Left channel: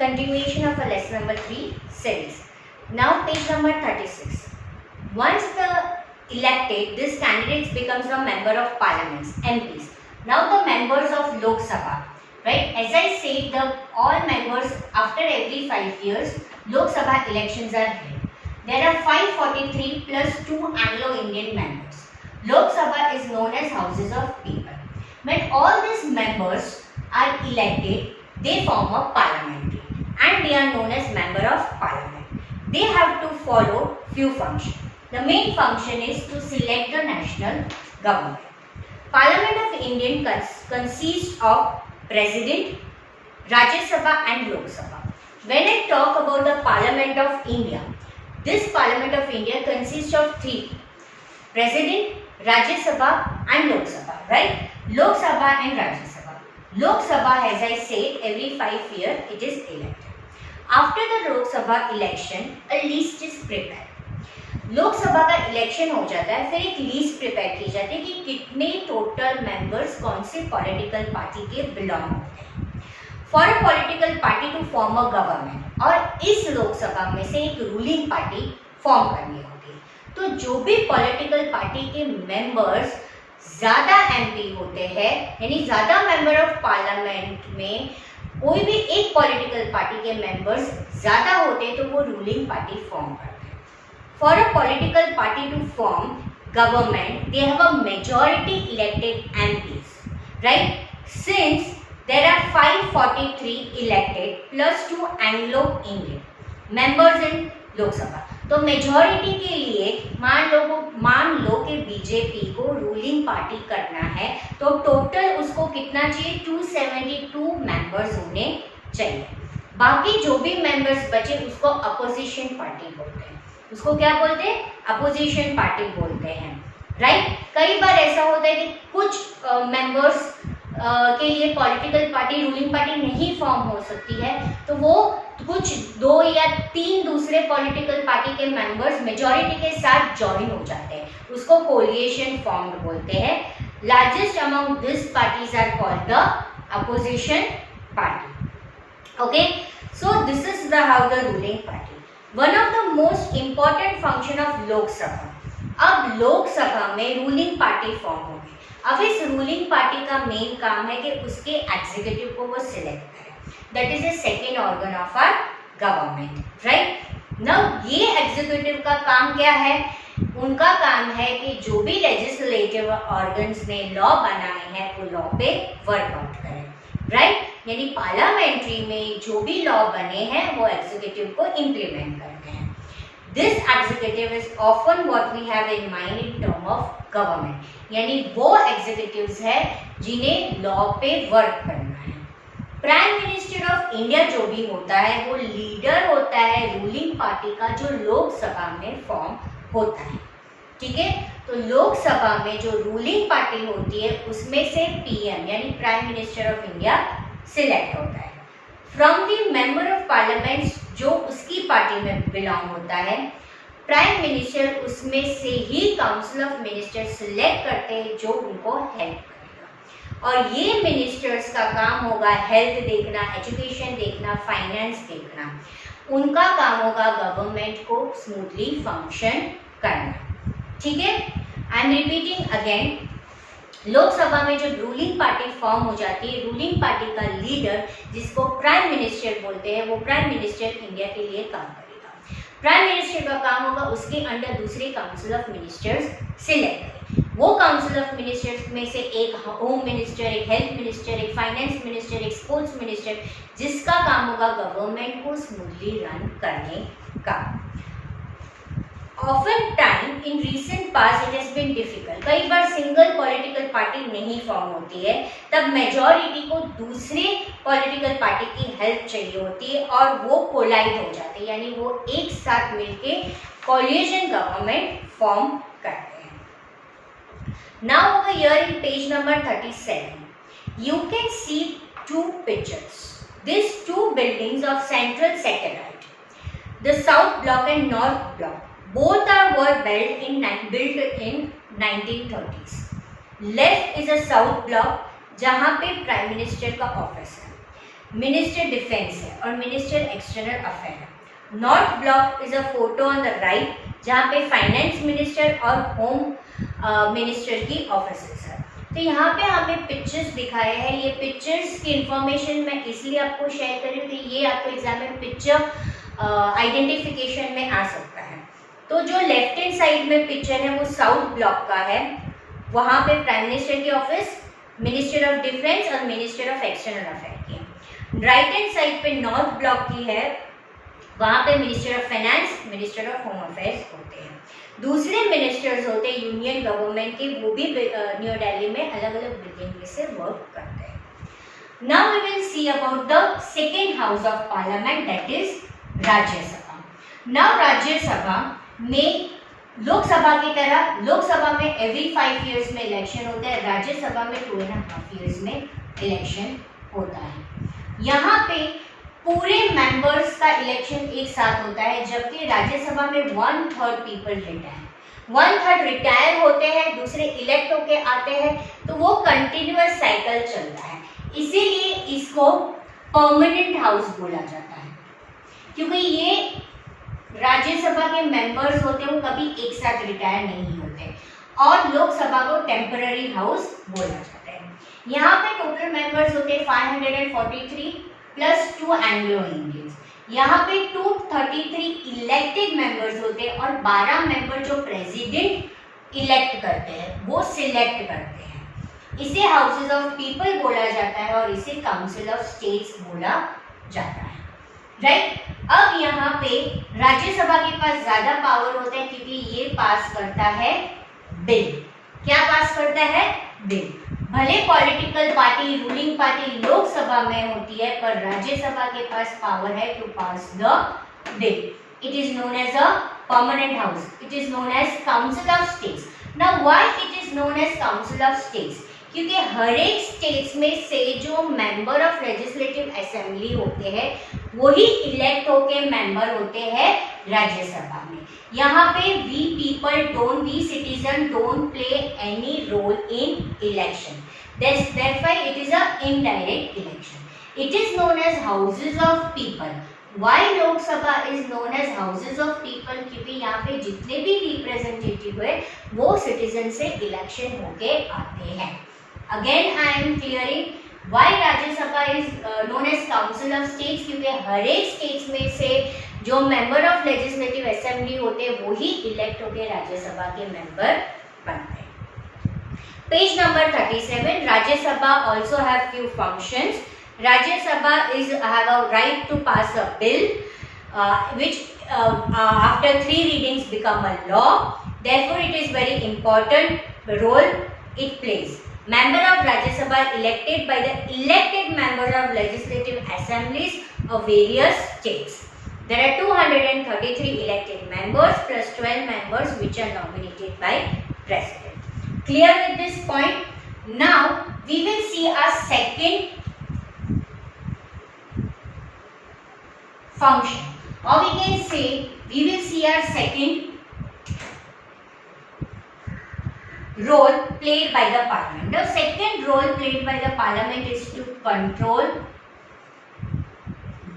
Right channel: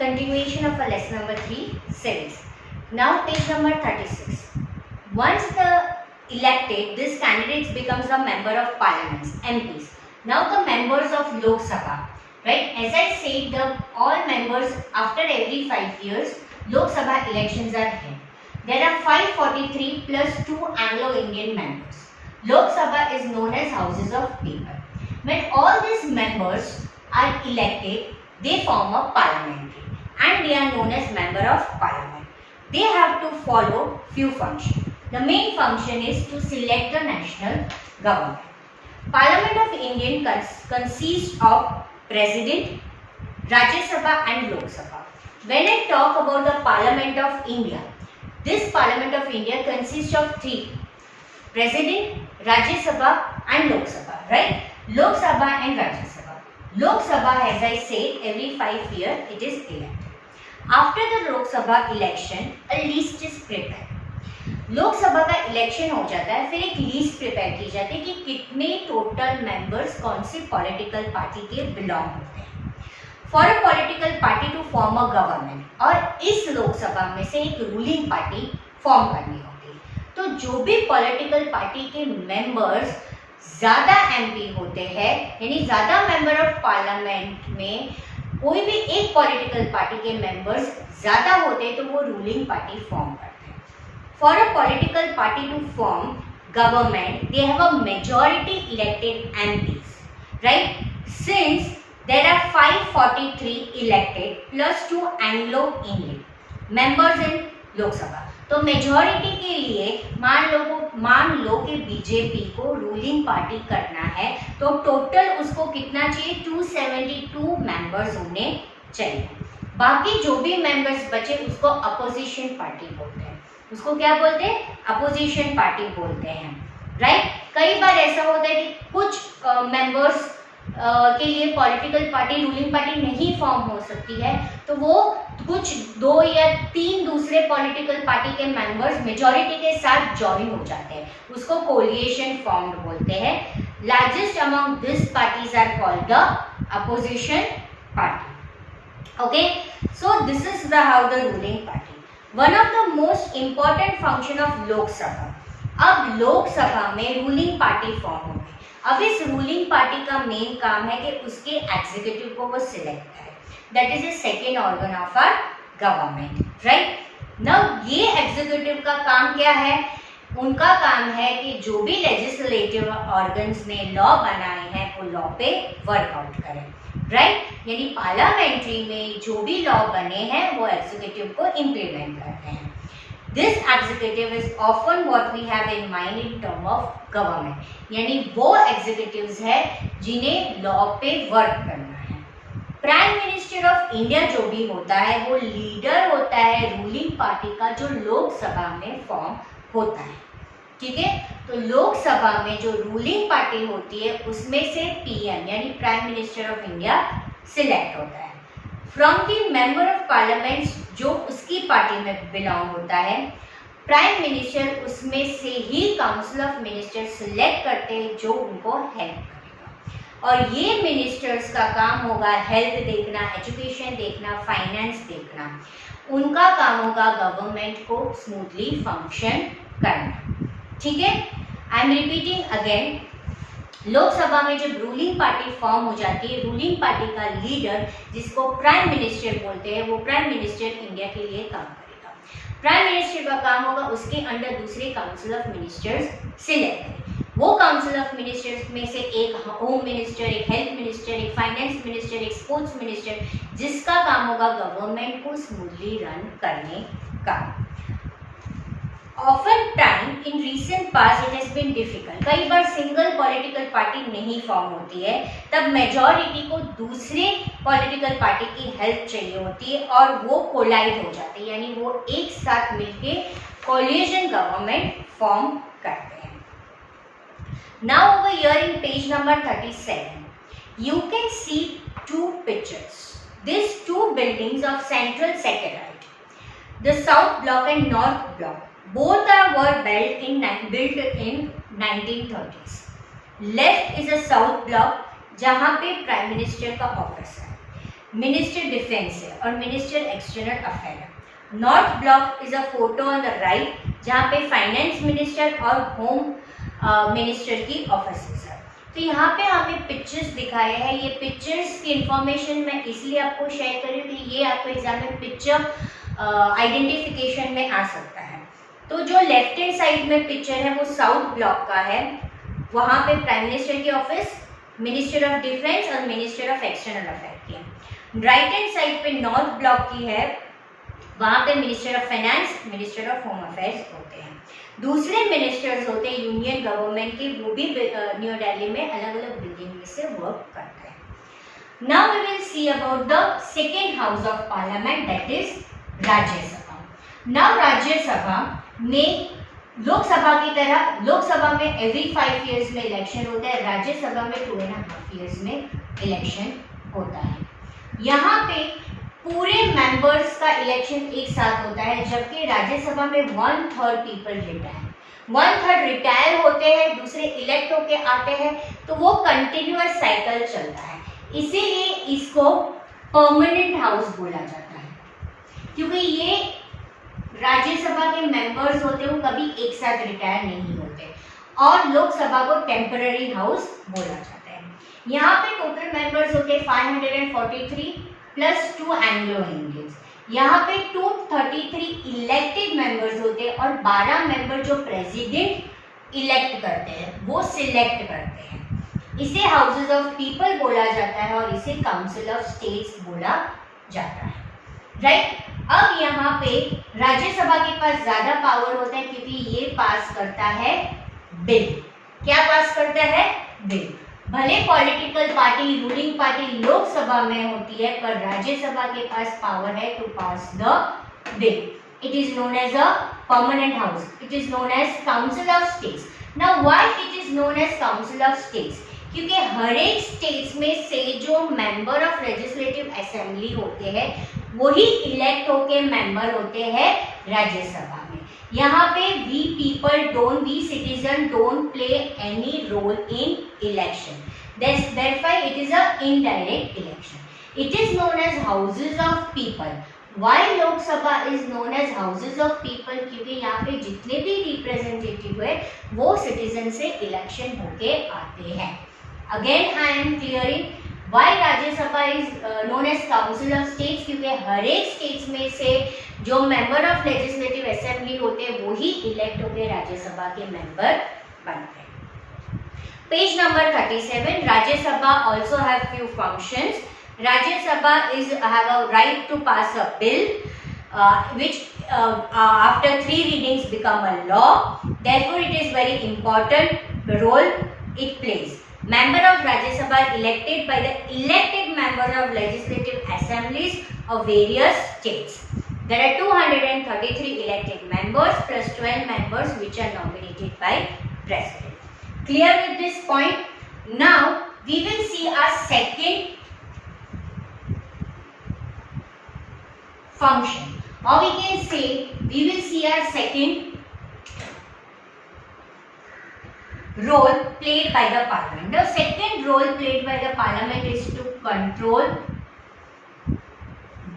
continuation of a lesson number 3 series. Now page number 36. Once the elected, this candidate becomes a member of parliaments, MPs. Now the members of Lok Sabha, right? As I said, the all members after every 5 years, Lok Sabha elections are held. There are 543 plus 2 Anglo-Indian members. Lok Sabha is known as houses of people. When all these members are elected, they form a parliamentary and they are known as member of parliament. They have to follow few functions. The main function is to select the national government. Parliament of India consists of President, Rajya Sabha and Lok Sabha. When I talk about the Parliament of India, this Parliament of India consists of 3: President, Rajya Sabha and Lok Sabha, right? Lok Sabha and Rajya Sabha. Lok Sabha, as I said, every 5 years it is elected. After the Lok Sabha election, a list is prepared. लोक सभा का election हो जाता है, फिर एक list prepare की जाती है कि कितने टोटल मेंबर्स कौन सी पॉलिटिकल पार्टी के बिलोंग होते हैं for a political party to form a government, और इस लोकसभा में से एक रूलिंग पार्टी फॉर्म करनी होती है. तो जो भी पॉलिटिकल पार्टी के मेंबर्स ज़्यादा एमपी होते हैं, यानी ज़्यादा मेंबर ऑफ पार्लियामेंट में कोई भी एक पॉलिटिकल पार्टी के मेंबर्स ज़्यादा होते हैं तो वो रूलिंग पार्टी फॉर्म करते हैं. For a political party to form government, they have a majority elected MPs, right? Since there are 543 elected plus 2 Anglo-Indian members in Lok Sabha, तो मेजॉरिटी के लिए मान लो कि बीजेपी को रूलिंग पार्टी करना है तो टोटल उसको कितना चाहिए, 272 मेंबर्स होने चाहिए. बाकी जो भी मेंबर्स बचे उसको अपोजिशन पार्टी बोलते हैं. उसको क्या बोलते हैं? अपोजिशन पार्टी बोलते हैं, राइट? कई बार ऐसा होता है कि कुछ मेंबर्स के लिए पॉलिटिकल पार्टी रूलिंग पार्टी नहीं फॉर्म हो सकती है, तो वो कुछ 2 या 3 दूसरे पॉलिटिकल पार्टी के मेंबर्स मेजॉरिटी के साथ ज्वाइन हो जाते हैं, उसको कोलिएशन फॉर्म्ड बोलते हैं. Largest among this parties are called the opposition party. Okay, so this is the how the ruling party. One of the most important function of Lok Sabha. अब लोकसभा में रूलिंग पार्टी फॉर्म हो गई. अब इस रूलिंग पार्टी का main काम है कि उसके एग्जीक्यूटिव को वो सिलेक्ट करे. That is the second organ of our government, right? Now ये एग्जीक्यूटिव का काम क्या है? उनका काम है कि जो भी लेजिस्लेटिव ऑर्गन्स ने लॉ बनाए हैं वो लॉ पे वर्कआउट करें, राइट? यानी पार्लियामेंट्री में जो भी लॉ बने हैं वो एग्जीक्यूटिव को इम्प्लीमेंट करते हैं. This executive is often what we have in mind in term of government, यानी वो एग्जीक्यूटिव्स है जिन्हें लॉ पे वर्क करना है. प्राइम मिनिस्टर ऑफ इंडिया जो भी होता है वो लीडर होता है रूलिंग पार्टी का जो लोकसभा में फॉर्म होता है, ठीक है? तो लोकसभा में जो रूलिंग पार्टी होती है उसमें से पीएम यानी prime minister of India select होता है from the member of parliament जो उसकी पार्टी में बिलोंग होता है. प्राइम मिनिस्टर उसमें से ही काउंसिल ऑफ मिनिस्टर सिलेक्ट करते हैं जो उनको हेल्प करेगा, और ये मिनिस्टर्स का काम होगा हेल्थ देखना, एजुकेशन देखना, फाइनेंस देखना. उनका काम होगा गवर्नमेंट को स्मूथली फंक्शन करना, ठीक है? I am repeating again. Lok Sabha में जब रूलिंग पार्टी फॉर्म हो जाती है, रूलिंग पार्टी का लीडर जिसको प्राइम मिनिस्टर बोलते हैं वो प्राइम मिनिस्टर इंडिया के लिए काम करेगा. प्राइम मिनिस्टर का काम होगा उसके अंडर दूसरे काउंसिल ऑफ मिनिस्टर्स सिलेक्ट करें. वो काउंसिल ऑफ मिनिस्टर्स में से एक होम मिनिस्टर, एक हेल्थ मिनिस्टर, एक फाइनेंस मिनिस्टर, एक स्पोर्ट्स मिनिस्टर, जिसका काम होगा गवर्नमेंट को स्मूथली रन करने का. Often time in recent past it has been difficult. कई बार सिंगल पॉलिटिकल पार्टी नहीं फॉर्म होती है, तब मेजॉरिटी को दूसरे पॉलिटिकल पार्टी की हेल्प चाहिए होती है और वो कोलाइड हो जाते हैं, यानी वो एक साथ मिलके कोलिशन गवर्नमेंट फॉर्म करते हैं. Now over here in page number 37 you can see 2 pictures. These 2 buildings of Central Secretariat, the South Block and North Block. Both were built in 1930s. Left is a South Block जहाँ पे prime minister का office है. Minister defence है और minister external affair है। North block is a photo on the right, जहाँ पे finance minister और होम मिनिस्टर की ऑफिसेस है। तो यहाँ पे हमें पिक्चर्स दिखाए हैं। ये पिक्चर्स की इंफॉर्मेशन मैं इसलिए आपको शेयर कर रही हूँ कि ये आपको एग्जाम में पिक्चर आइडेंटिफिकेशन में आ सकता है। तो जो लेफ्ट हैंड साइड में पिक्चर है वो साउथ ब्लॉक का है, वहाँ पे प्राइम मिनिस्टर की ऑफिस, मिनिस्टर ऑफ डिफेंस और मिनिस्टर ऑफ एक्सटर्नल अफेयर की है। राइट हैंड साइड पे नॉर्थ ब्लॉक की है, वहाँ पे minister of finance, minister of home affairs होते हैं। दूसरे मिनिस्टर्स होते हैं यूनियन गवर्नमेंट के, वो भी न्यू दिल्ली में अलग अलग बिल्डिंग से वर्क करते हैं। Now we will see about the second house of parliament, that is Rajya Sabha. Now Rajya Sabha में लोकसभा की तरह, लोकसभा में एवरी 5 years में इलेक्शन होता है, राज्यसभा में 2.5 years में इलेक्शन होता है। यहाँ पे पूरे मेंबर्स का इलेक्शन एक साथ होता है, जबकि राज्यसभा में 1/3 पीपल रिटायर, 1/3 रिटायर होते हैं, दूसरे इलेक्ट होके आते हैं, तो वो कंटिन्यूअस साइकिल चलता है। इसीलिए इसको परमानेंट हाउस बोला जाता है, क्योंकि ये राज्यसभा के मेंबर्स होते हैं वो कभी एक साथ रिटायर नहीं होते, और लोकसभा को टेम्पररी हाउस बोला जाता है। यहाँ पे टोटल मेंबर्स होते हैं 543 प्लस 2 एंग्लो इंडियंस। यहाँ पे 233 इलेक्टेड मेंबर्स होते हैं और 12 मेंबर जो प्रेसिडेंट इलेक्ट करते हैं वो सिलेक्ट करते हैं। इसे हाउसेस ऑफ पीपल बोला जाता है और इसे काउंसिल ऑफ स्टेट्स बोला जाता है, राइट। अब यहाँ पे राज्यसभा के पास ज्यादा पावर होता है, क्योंकि ये पास करता है बिल। क्या पास करता है? बिल। भले political party, ruling party Lok Sabha में होती है, पर राज्यसभा के पास पावर है to pass the bill. It is known as a permanent house, it is known as council of states. Now why it is known as council of states? क्योंकि हर एक स्टेट्स में से जो मेंबर ऑफ लेजिस्लेटिव असेंबली होते हैं वही elect होके मेंबर होते हैं राज्यसभा में। यहाँ पे we people don't, we citizen don't play any role in election, that's why it is a indirect election. It is known as houses of people. Why Lok Sabha is known as houses of people? क्योंकि यहाँ पे जितने भी representative है वो citizen से election होके आते हैं। Again I am clearing why Rajya Sabha is known as council of states, क्योंकि हर एक स्टेट्स में से जो मेंबर ऑफ लेजिस्लेटिव असेंबली होते हैं वो ही इलेक्ट होकर राज्यसभा के मेंबर बनते हैं। Page number 37, Rajya Sabha also have few functions. Rajya is have a right to pass a bill which after 3 readings become a law. Therefore it is very important role it plays. Member of Rajya Sabha elected by the elected members of legislative assemblies of various states. There are 233 elected members plus 12 members which are nominated by President. Clear with this point? Now we will see a second function, or we can say we will see our second role played by the parliament. The second role played by the parliament is to control,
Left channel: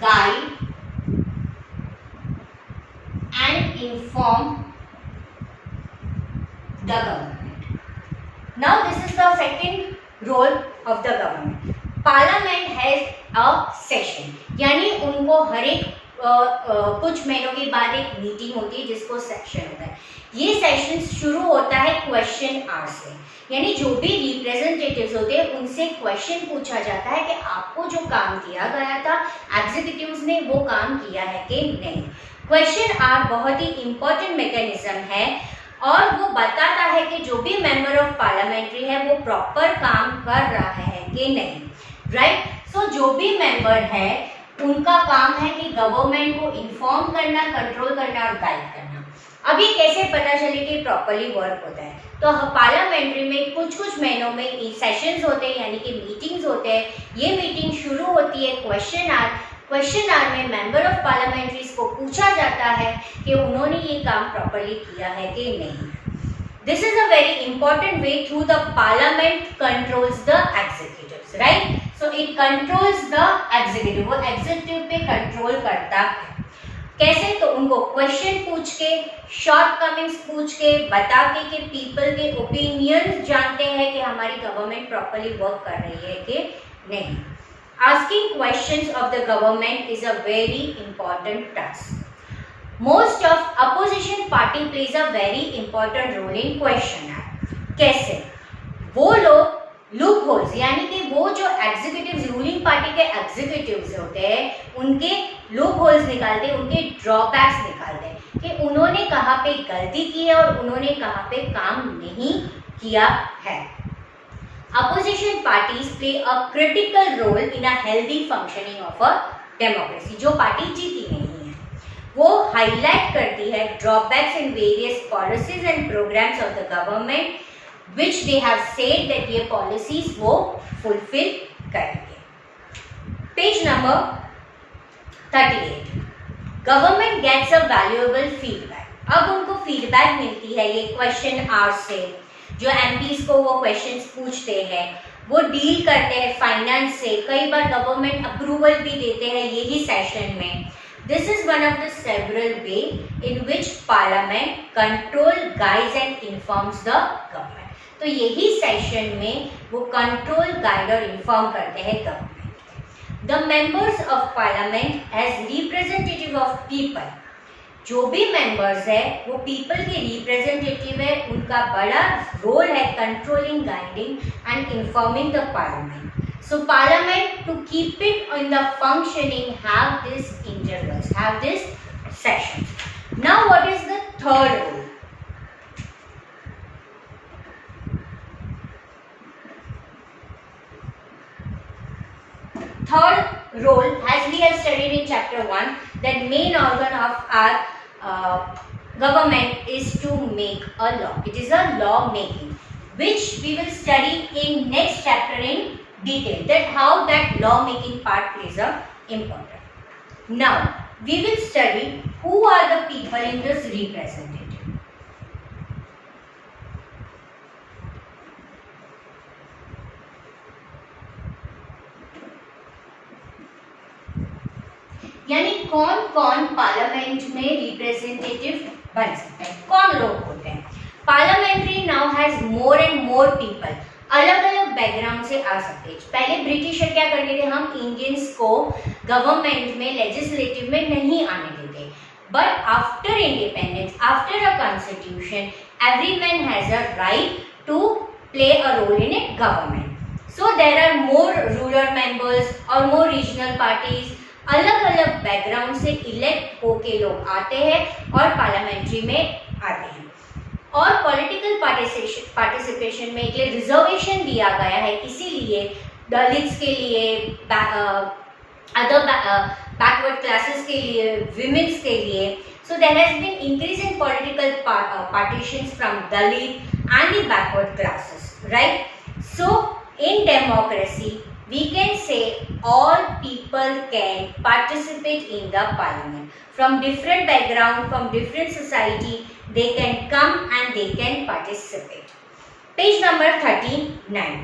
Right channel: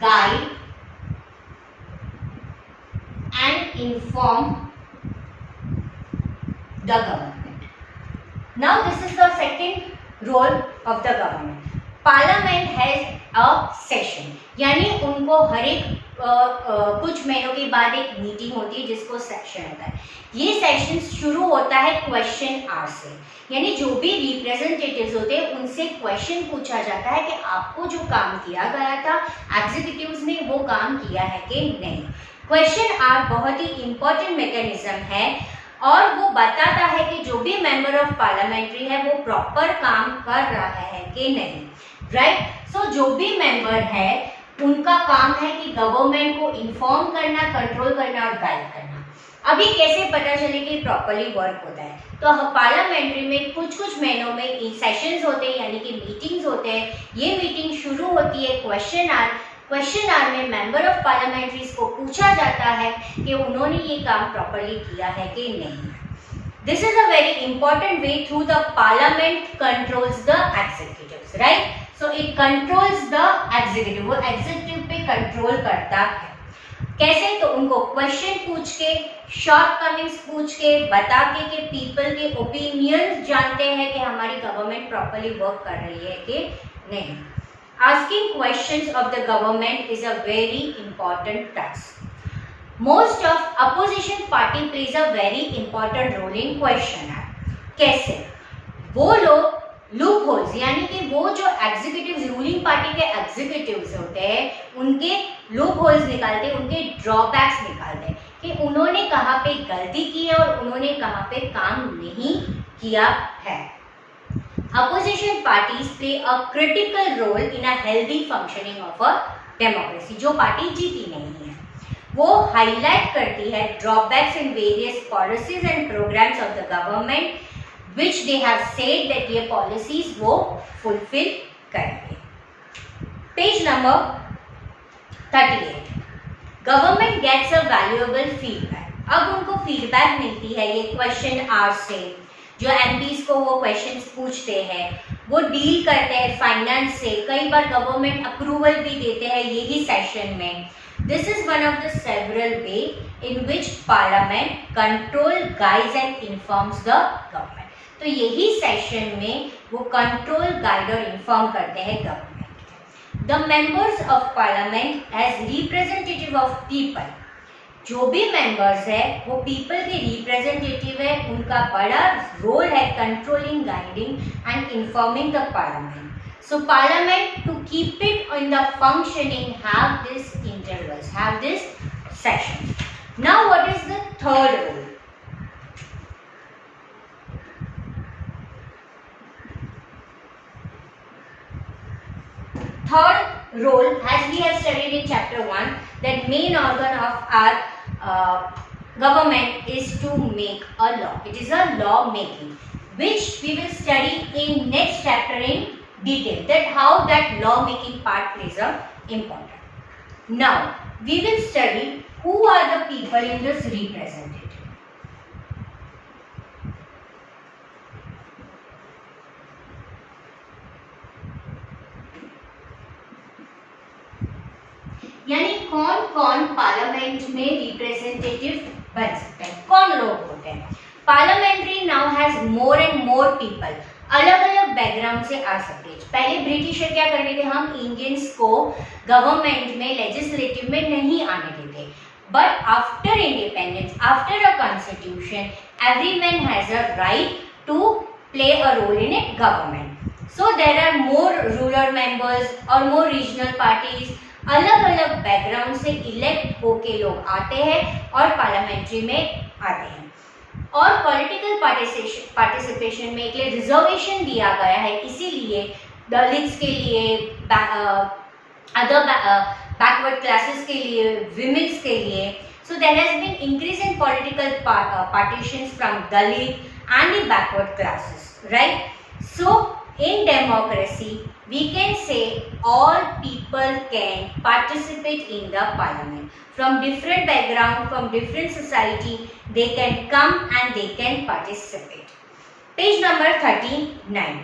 guide and inform the government. Now this is the second role of the government. Parliament has a session, यानी उनको हर एक कुछ महीनों के बाद एक meeting होती है जिसको सेशन होता है। ये सेशन शुरू होता है क्वेश्चन आवर से, यानी जो भी रिप्रेजेंटेटिव्स होते हैं उनसे क्वेश्चन पूछा जाता है कि आपको जो काम किया गया था एग्जीक्यूटिव्स ने वो काम किया है कि नहीं। क्वेश्चन आवर बहुत ही इम्पोर्टेंट मैकेनिज्म है और वो बताता है कि जो भी मेंबर ऑफ पार्लियामेंट्री है वो प्रॉपर काम कर रहा है कि नहीं, राइट। सो जो भी मेंबर है उनका काम है कि गवर्नमेंट को इन्फॉर्म करना, कंट्रोल करना और गाइड करना। अभी कैसे पता चले कि प्रॉपर्ली वर्क होता है? तो पार्लियामेंट्री में कुछ कुछ महीनों में सेशंस होते हैं, यानी कि मीटिंग्स होते हैं। ये मीटिंग शुरू होती है क्वेश्चन आवर। क्वेश्चन आवर में मेंबर ऑफ पार्लियामेंट्रीज को पूछा जाता है कि उन्होंने ये काम प्रॉपर्ली किया है कि नहीं। This is a very important way through the parliament controls the executives, right? So it controls the executive, वो एग्जीक्यूटिव पे कंट्रोल करता है। कैसे? तो उनको क्वेश्चन पूछ के, शॉर्ट कमिंग्स पूछ के, बता के पीपल के ओपिनियन जानते हैं कि हमारी गवर्नमेंट प्रॉपरली वर्क कर रही है कि नहीं। Asking questions of the government is a very important task. Most of opposition party plays a very important role in question. कैसे? वो लोग लूप होल्स, यानी कि वो जो एग्जीक्यूटिव रूलिंग पार्टी के एग्जीक्यूटिव्स होते हैं उनके लूप होल्स निकालते हैं, उनके ड्रॉबैक्स निकालते हैं कि उन्होंने कहाँ पे गलती की है और उन्होंने कहाँ पे काम नहीं किया है। Opposition parties play a critical role in a healthy functioning of a democracy. जो पार्टी जीती नहीं है वो हाईलाइट करती है drawbacks in various policies and programmes of the government which they have said that ये policies वो fulfill करेंगे। Page number 38, government gets a valuable feedback. अब उनको फीडबैक मिलती है ये क्वेश्चन आवर्स से, जो एमपीज को वो क्वेश्चंस पूछते हैं, वो डील करते हैं फाइनेंस से, कई बार गवर्नमेंट अप्रूवल भी देते हैं यही सेशन में। This is one of the several way in which parliament control, guides and informs the government। तो यही सेशन में वो कंट्रोल, गाइड और इन्फॉर्म करते हैं government. The members of parliament as representative of people, जो भी मेंबर्स है वो पीपल के रिप्रेजेंटेटिव है, उनका बड़ा रोल है controlling, guiding and informing the parliament. So parliament to keep it in the functioning have this intervals, have this session. Now what is the third role? Third role, as we have studied in chapter 1, that main organ of our government is to make a law. It is a law making, which we will study in next chapter in detail, that how that law making part plays a important. Now we will study who are the people in this representative. यानी कौन कौन parliament में representative बन सकते हैं, कौन लोग होते हैं। Parliamentary now has more and more people, अलग अलग बैकग्राउंड से आ सकते हैं। पहले ब्रिटिशर क्या करते थे, हम इंडियंस को गवर्नमेंट में, लेजिस्लेटिव में नहीं आने देते, but after independence, after a constitution, every man has a right to play a role in a government. So there are more rural members और मोर रीजनल पार्टीज, अलग अलग बैकग्राउंड से इलेक्ट होके लोग आते हैं और पार्लियामेंट्री में आते हैं। और पॉलिटिकल पार्टिसिपेशन में एक रिजर्वेशन दिया गया है, इसीलिए दलित्स के लिए, अदर बैकवर्ड क्लासेस के लिए, विमेन्स के लिए, so there has been increase in political participations from Dalit and the backward classes, right. So in democracy we can say all people can participate in the parliament from different background, from different society, they can come and they can participate. Page number 39,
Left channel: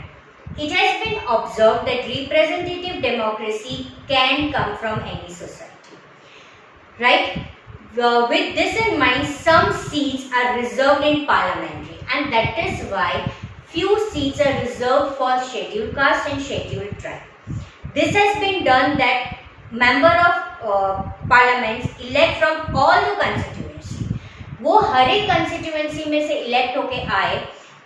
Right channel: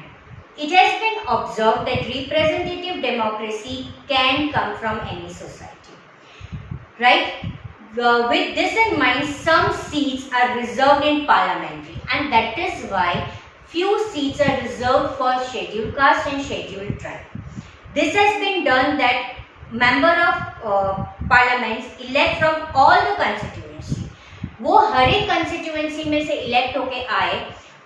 it has been observed that representative democracy can come from any society, right? With this in mind, some seats are reserved in parliamentary, and that is why few seats are reserved for scheduled caste and scheduled tribe. This has been done that member of parliaments elect from all the constituency. वो हर एक constituency में से elect होके आए,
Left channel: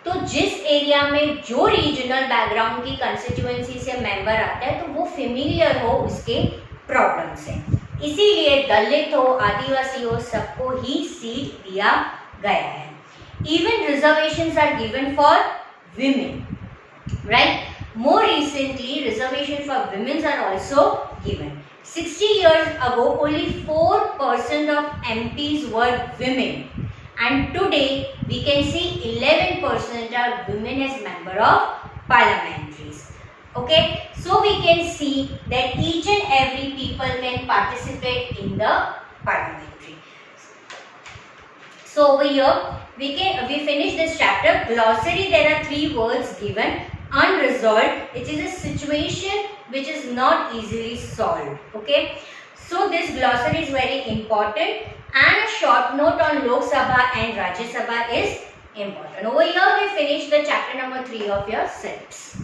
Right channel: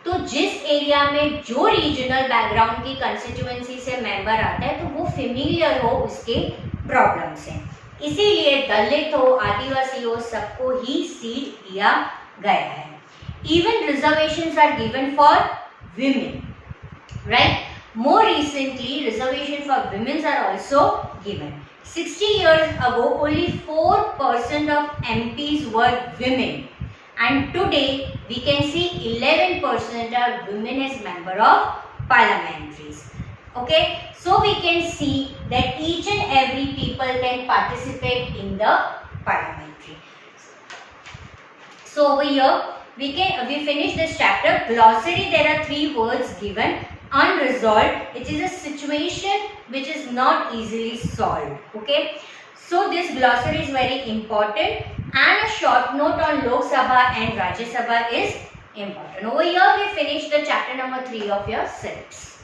तो जिस area में जो रीजनल बैकग्राउंड की कंस्टिट्यूएंसी से मेंबर आता है तो वो फेमिलियर हो उसके प्रॉब्लम से, इसीलिए दलित हो, आदिवासी हो, सबको ही सीट दिया गया है। Even reservations are given for women, right? More recently, reservation for women are also given. 60 years ago, only 4% of MPs were women, and today we can see 11% are women as member of parliamentaries. Okay, so we can see that each and every people can participate in the parliamentary. So over here we finish this chapter. Glossary, there are 3 words given. unresolved. It is a situation which is not easily solved. Okay. So this glossary is very important, and a short note on Lok Sabha and Rajya Sabha is important. Over here we finished the chapter number 3 of your syllabus.